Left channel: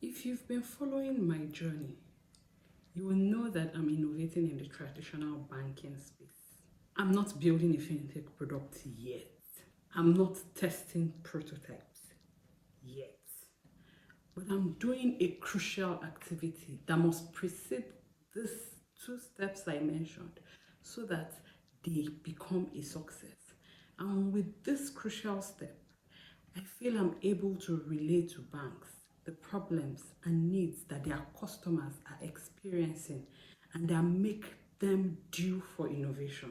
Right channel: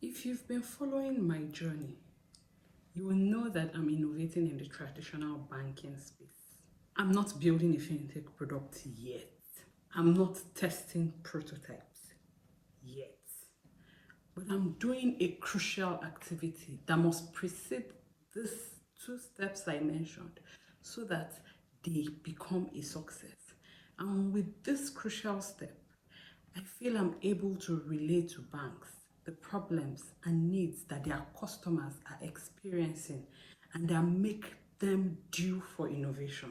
If you've been following my journey, you will know that I'm innovating in the traditional banking space. I'm not building a fintech product yet. I'm not testing prototypes yet. But I'm doing a crucial activity that must precede these two steps I mentioned so that they become a success. And with this crucial step, I feel I'm able to relate to banks the problems and needs that their customers are experiencing and that make them due for innovation.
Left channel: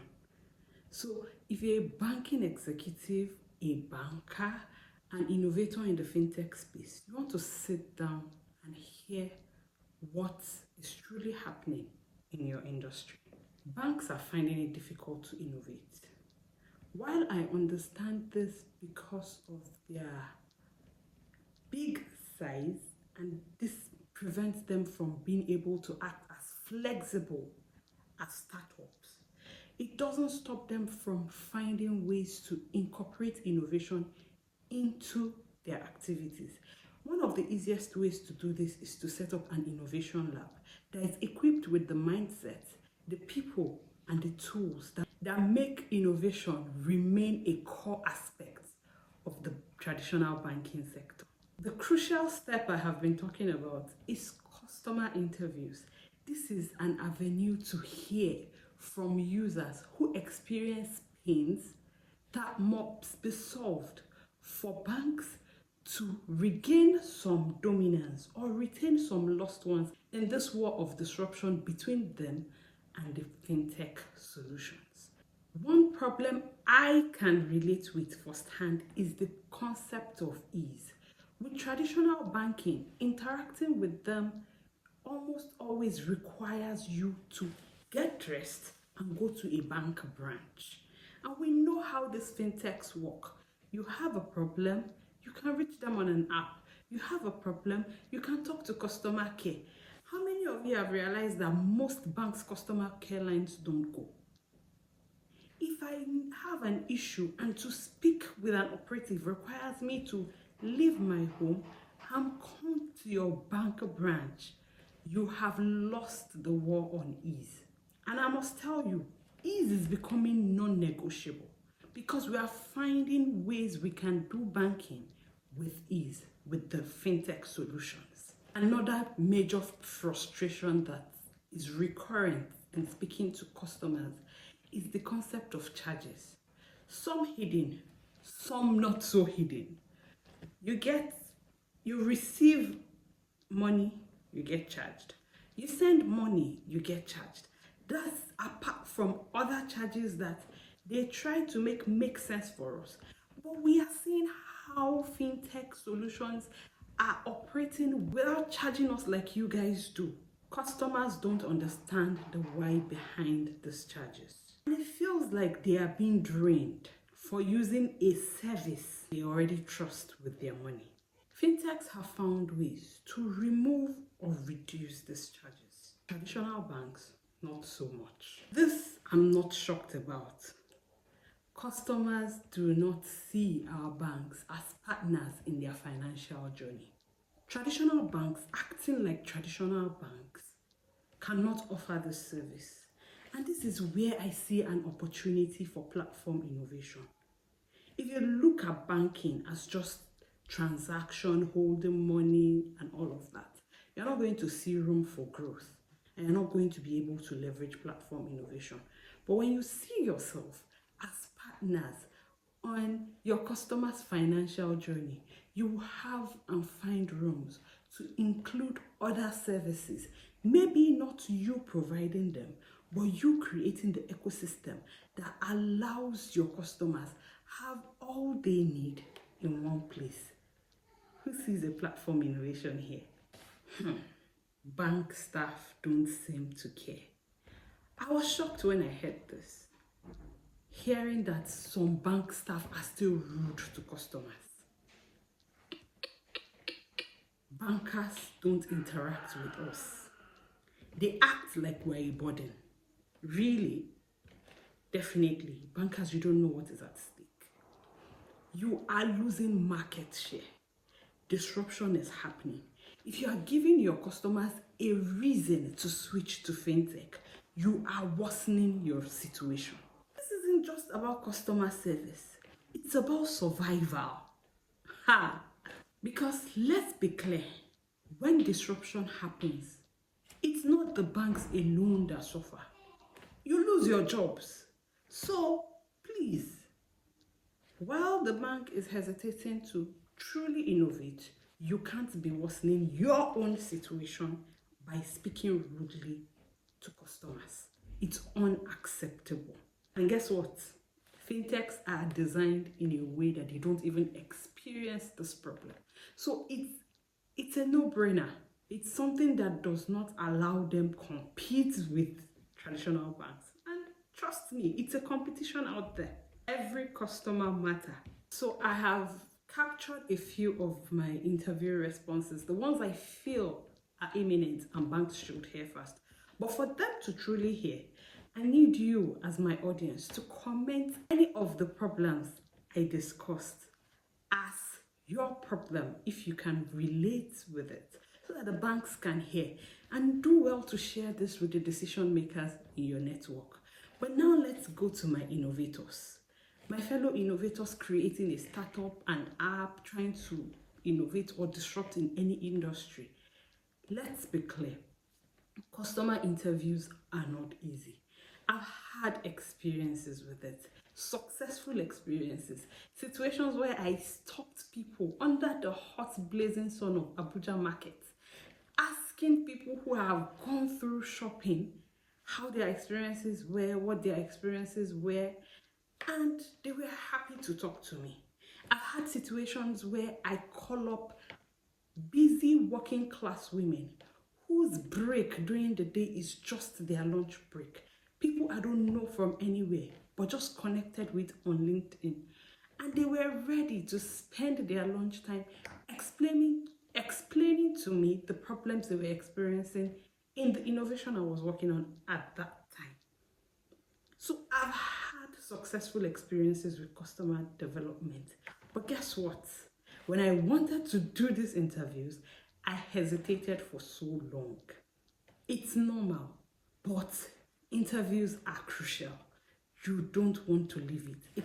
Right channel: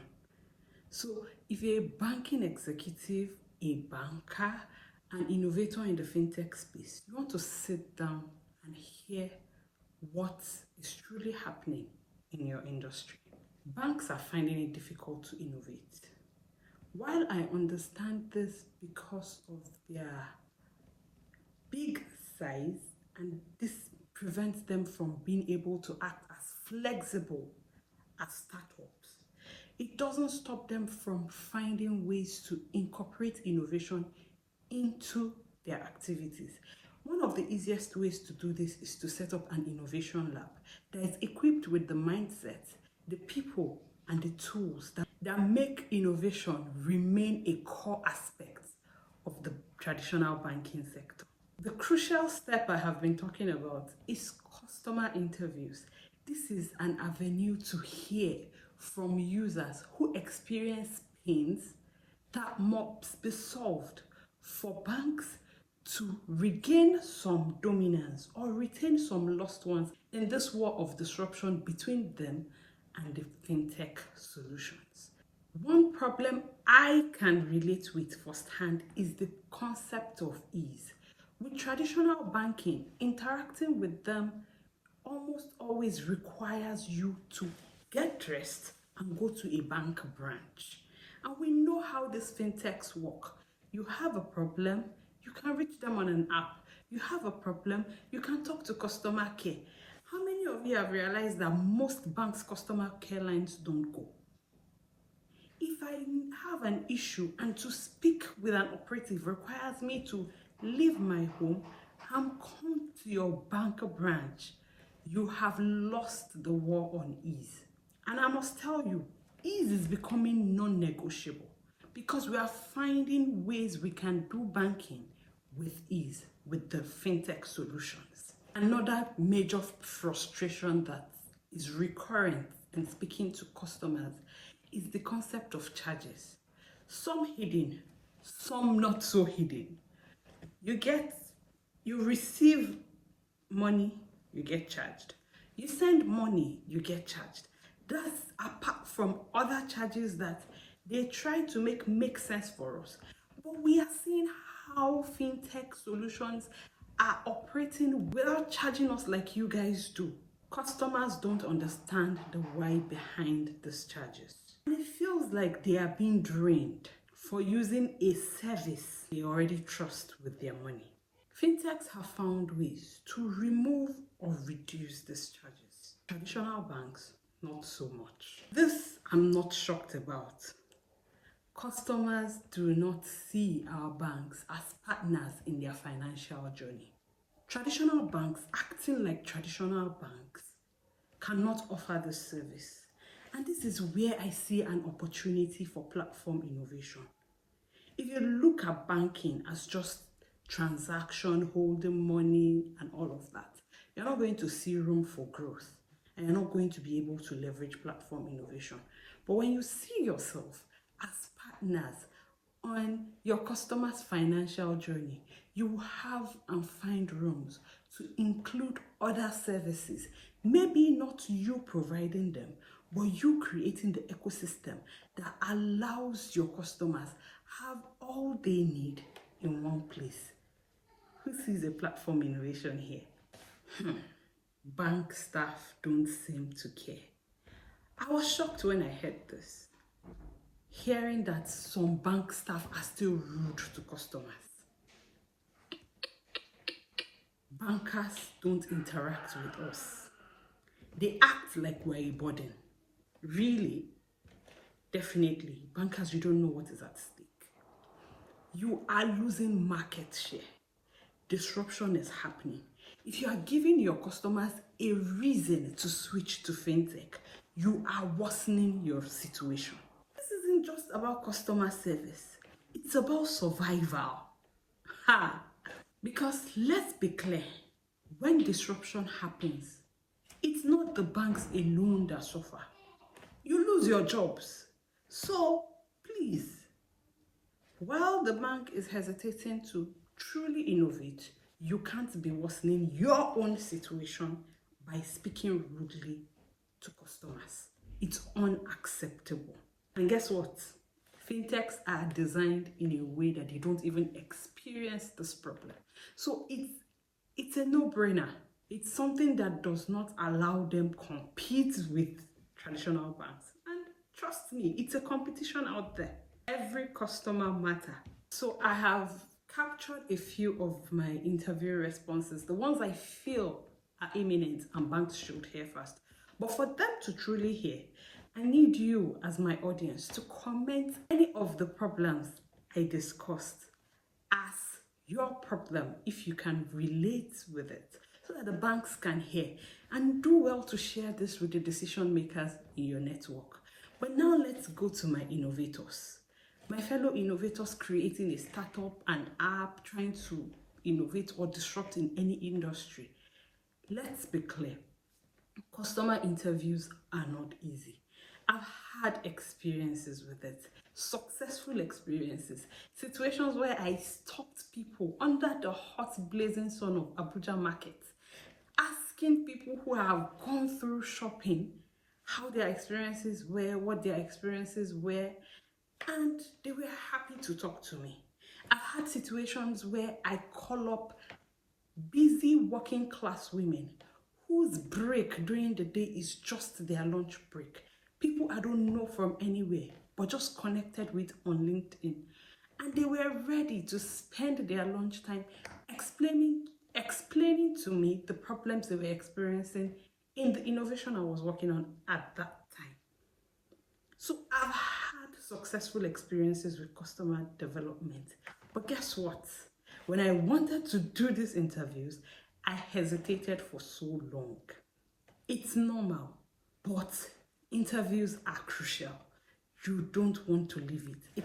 So, if you're a banking executive, a banker, an innovator in the fintech space, you want to sit down and hear what is truly happening in your industry. Banks are finding it difficult to innovate. While I understand this because of their big size, and this prevents them from being able to act as flexible as startups, it doesn't stop them from finding ways to incorporate innovation into their activities. One of the easiest ways to do this is to set up an innovation lab that is equipped with the mindset, the people, and the tools that make innovation remain a core aspect of the traditional banking sector. The crucial step I have been talking about is customer interviews. This is an avenue to hear from users who experience pains that must be solved for banks to regain some dominance or retain some lost ones in this war of disruption between them and the fintech solutions. One problem I can relate with firsthand is the concept of ease. With traditional banking, interacting with them almost always requires you to get dressed and go to a bank branch. And we know how these fintechs work. You have a problem, you can reach them on an app. You have a problem, you can talk to customer care. How many of you have realized that most banks' customer care lines don't go? If I have an issue and to speak with an operative requires me to leave my home and come to your bank branch, you have lost the war on ease. And I must tell you, ease is becoming non-negotiable because we are finding ways we can do banking with ease with the fintech solutions. Another major frustration that is recurrent in speaking to customers is the concept of charges. Some hidden, some not so hidden. You receive money, you get charged. You send money, you get charged. That's apart from other charges that they try to make sense for us. But we are seeing how fintech solutions are operating without charging us like you guys do. Customers don't understand the why behind these charges. And it feels like they are being drained for using a service they already trust with their money. Fintechs have found ways to remove or reduce these charges. Traditional banks, not so much. This I'm not shocked about. Customers do not see our banks as partners in their financial journey. Traditional banks acting like traditional banks cannot offer this service. And this is where I see an opportunity for platform innovation. If you look at banking as just transaction, holding money, and all of that, you're not going to see room for growth and you're not going to be able to leverage platform innovation. But when you see yourself as partners on your customer's financial journey, you have and find rooms to include other services. Maybe not you providing them, but you creating the ecosystem that allows your customers have all they need in one place. Who sees a platform innovation here? Bank staff don't seem to care. I was shocked when I heard this, hearing that some bank staff are still rude to customers. Bankers don't interact with us. They act like we're a burden. Really, definitely, bankers, you don't know what is at stake. You are losing market share. Disruption is happening. If you are giving your customers a reason to switch to fintech, you are worsening your situation. This isn't just about customer service, it's about survival. Ha! Because let's be clear, when disruption happens, it's not the banks alone that suffer. You lose your jobs. So please, while the bank is hesitating to truly innovate, you can't be worsening your own situation by speaking rudely to customers. It's unacceptable. And guess what? Fintechs are designed in a way that they don't even experience this problem. So it's a no-brainer. It's something that does not allow them compete with traditional banks. And trust me, it's a competition out there. Every customer matters. So I have captured a few of my interview responses, the ones I feel are imminent and banks should hear first. But for them to truly hear, I need you as my audience to comment any of the problems I discussed as your problem if you can relate with it, so that the banks can hear, and do well to share this with the decision makers in your network. But now let's go to my innovators. My fellow innovators creating a startup, an app, trying to innovate or disrupt in any industry. Let's be clear, customer interviews are not easy. I've had experiences with it, successful experiences, situations where I stopped people under the hot blazing sun of Abuja market, asking people who have gone through shopping how their experiences were, what their experiences were, and they were happy to talk to me. I've had situations where I call up busy working class women whose break during the day is just their lunch break. People I don't know from anywhere, but just connected with on LinkedIn. And they were ready to spend their lunchtime explaining to me the problems they were experiencing in the innovation I was working on at that time. So I've had successful experiences with customer development. But guess what? When I wanted to do these interviews, I hesitated for so long. It's normal, but interviews are crucial. You don't want to leave it.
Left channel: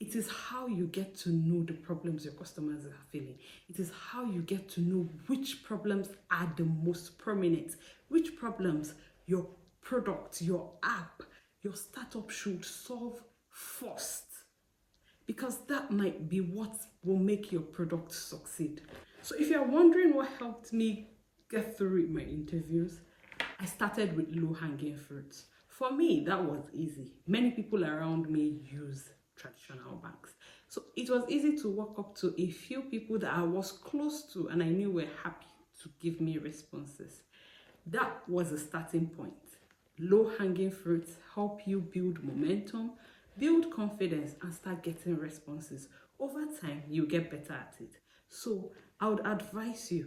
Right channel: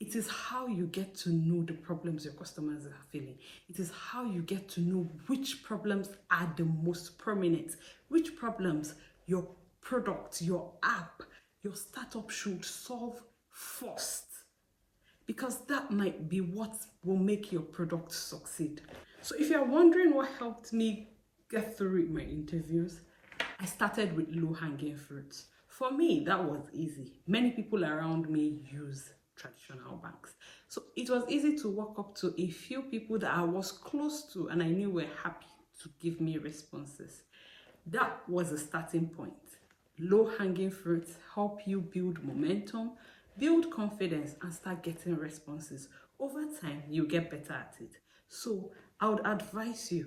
It is how you get to know the problems your customers are feeling. It is how you get to know which problems are the most prominent, which problems your product, your app, your startup should solve first. Because that might be what will make your product succeed. So if you're wondering what helped me get through my interviews, I started with low-hanging fruits. For me, that was easy. Many people around me use traditional banks. So it was easy to walk up to a few people that I was close to and I knew were happy to give me responses. That was a starting point. Low-hanging fruits help you build momentum, build confidence, and start getting responses. Over time, you get better at it. So I would advise you,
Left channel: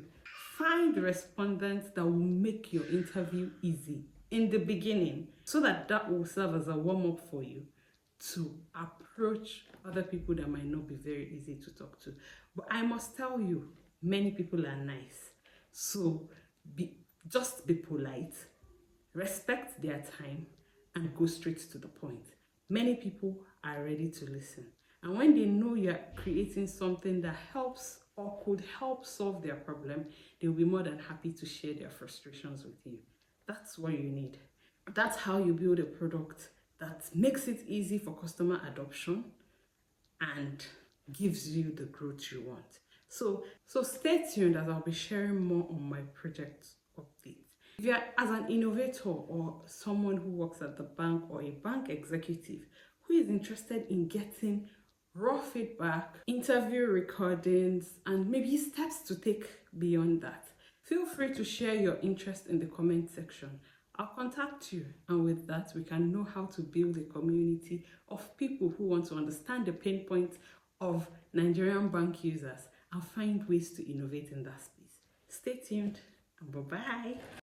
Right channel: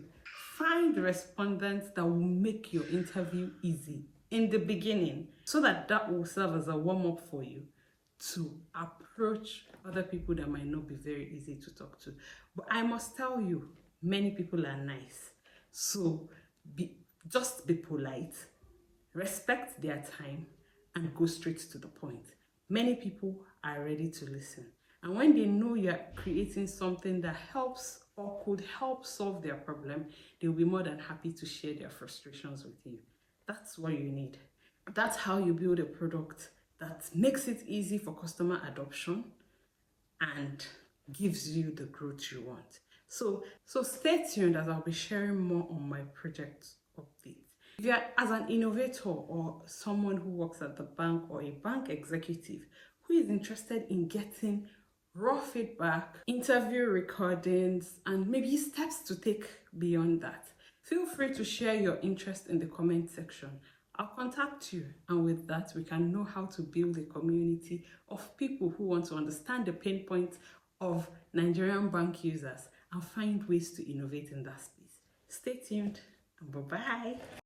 find respondents that will make your interview easy in the beginning, so that will serve as a warm-up for you to approach other people that might not be very easy to talk to. But I must tell you, many people are nice. So just be polite, respect their time, and go straight to the point. Many people are ready to listen. And when they know you're creating something that helps or could help solve their problem, they'll be more than happy to share their frustrations with you. That's what you need. That's how you build a product that makes it easy for customer adoption and gives you the growth you want. So stay tuned as I'll be sharing more on my project updates. If you're as an innovator or someone who works at the bank or a bank executive who is interested in getting raw feedback, interview recordings, and maybe steps to take beyond that, feel free to share your interest in the comment section. I'll contact you, and with that, we can know how to build a community of people who want to understand the pain points of Nigerian bank users and find ways to innovate in that space. Stay tuned, and bye-bye.